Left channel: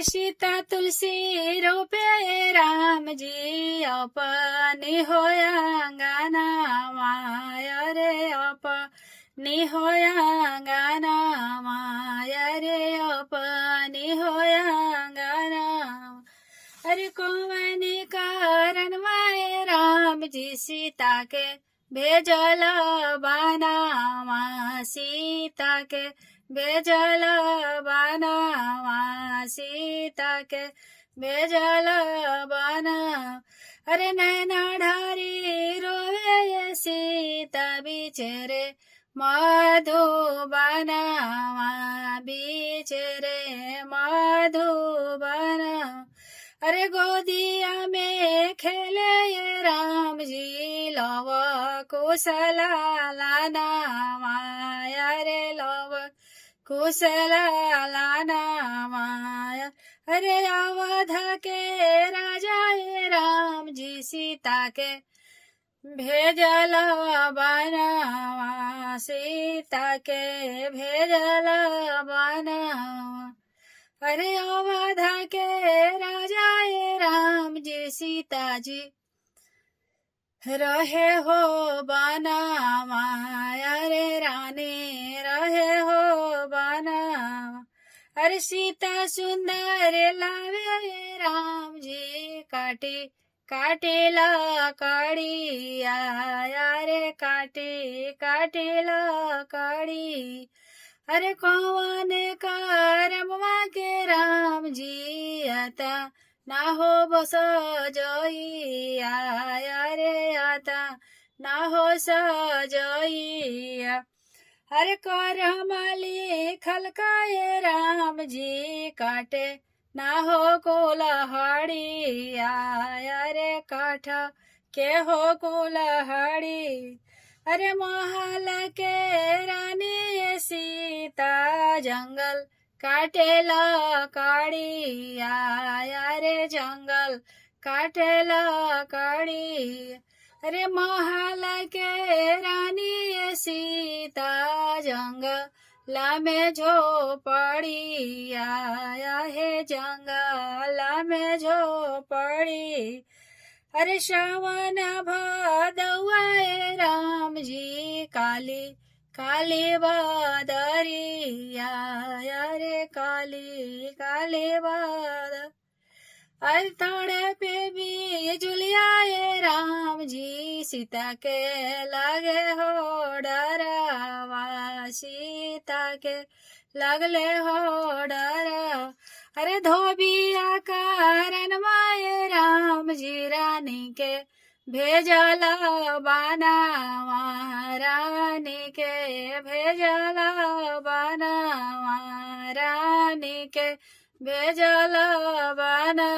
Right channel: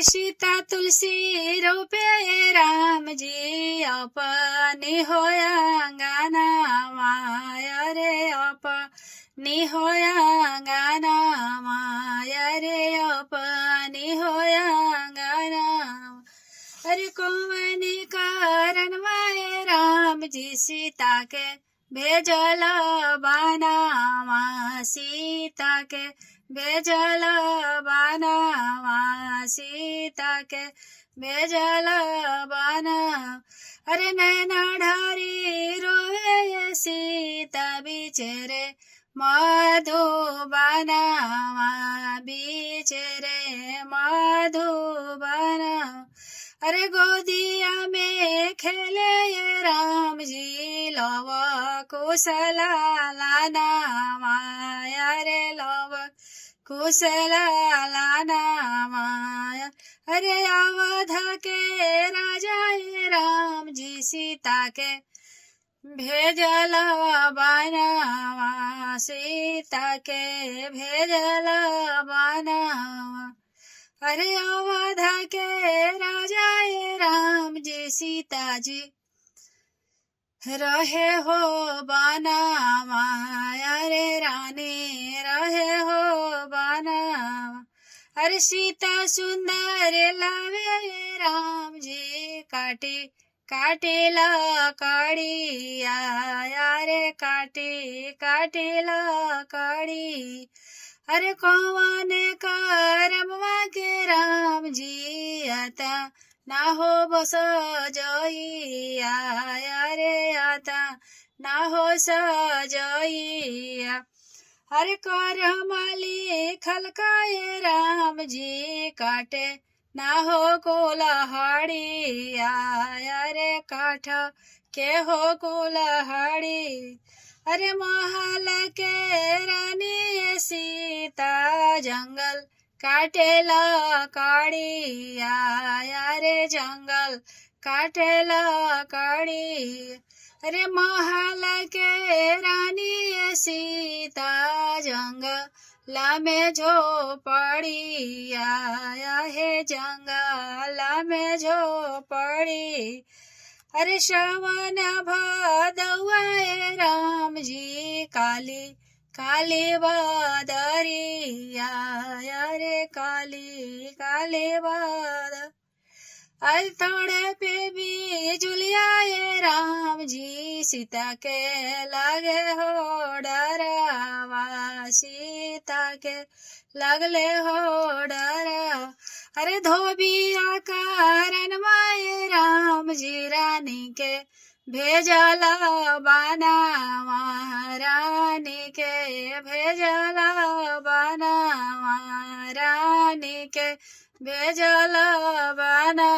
सीता तुलसी रोपे राम जी अपनी होया गाना माया रे अपनी होया गाना माया रे अपनी होया गाना। अरे कौन कारण माए राम जी सीता के भेजल बनावा सीता के भेजल बनावा सीता के भेजल बना। अरे नैना ढारी रोए सीता बिचरे मधुबनावा बिचरे मधुबना। अरे गोदिया में खेले राम जी लव कुशला लाना माया रे लव कुशला लाना माया। अरे अवध के राजा राम जी सीता के भेजल बनावा सीता के भेजल बनावा। अरे अवध के राजा राम जी सीता जी रहे हो बनावा। अरे रानी रहे हो बनावा। अरे सीता सुंदर लावे राम जी काटे काटेला कड़िया। अरे काटेला कड़ी। अरे कौन करमवा के राम जी आता ना हो बस जइया। अरे आता ना हो सजइया। अरे करम लिखल के राम जी काटे ना हो कुल्हाड़िया। अरे काठ के हो कुल्हाड़ी। अरे महल के रानी सीता जंगल काटेला कड़िया। अरे जंगल काटेला कड़ी। अरे महल के रानी सीता जंगल में झोपड़िया। हे जंगल में झोपड़ी। अरे श्रवण भदौआ राम जी काली काली बदरिया। अरे काली काली बद अथड़े पे भी जुलिया राम जी सीता के लगे हो डरावा सीता के लगले हो डरा। अरे धोबिया कारण माए राम जी रानी के भेजल बनावा। रानी के भेजल बनावा रानी के भेजल बना।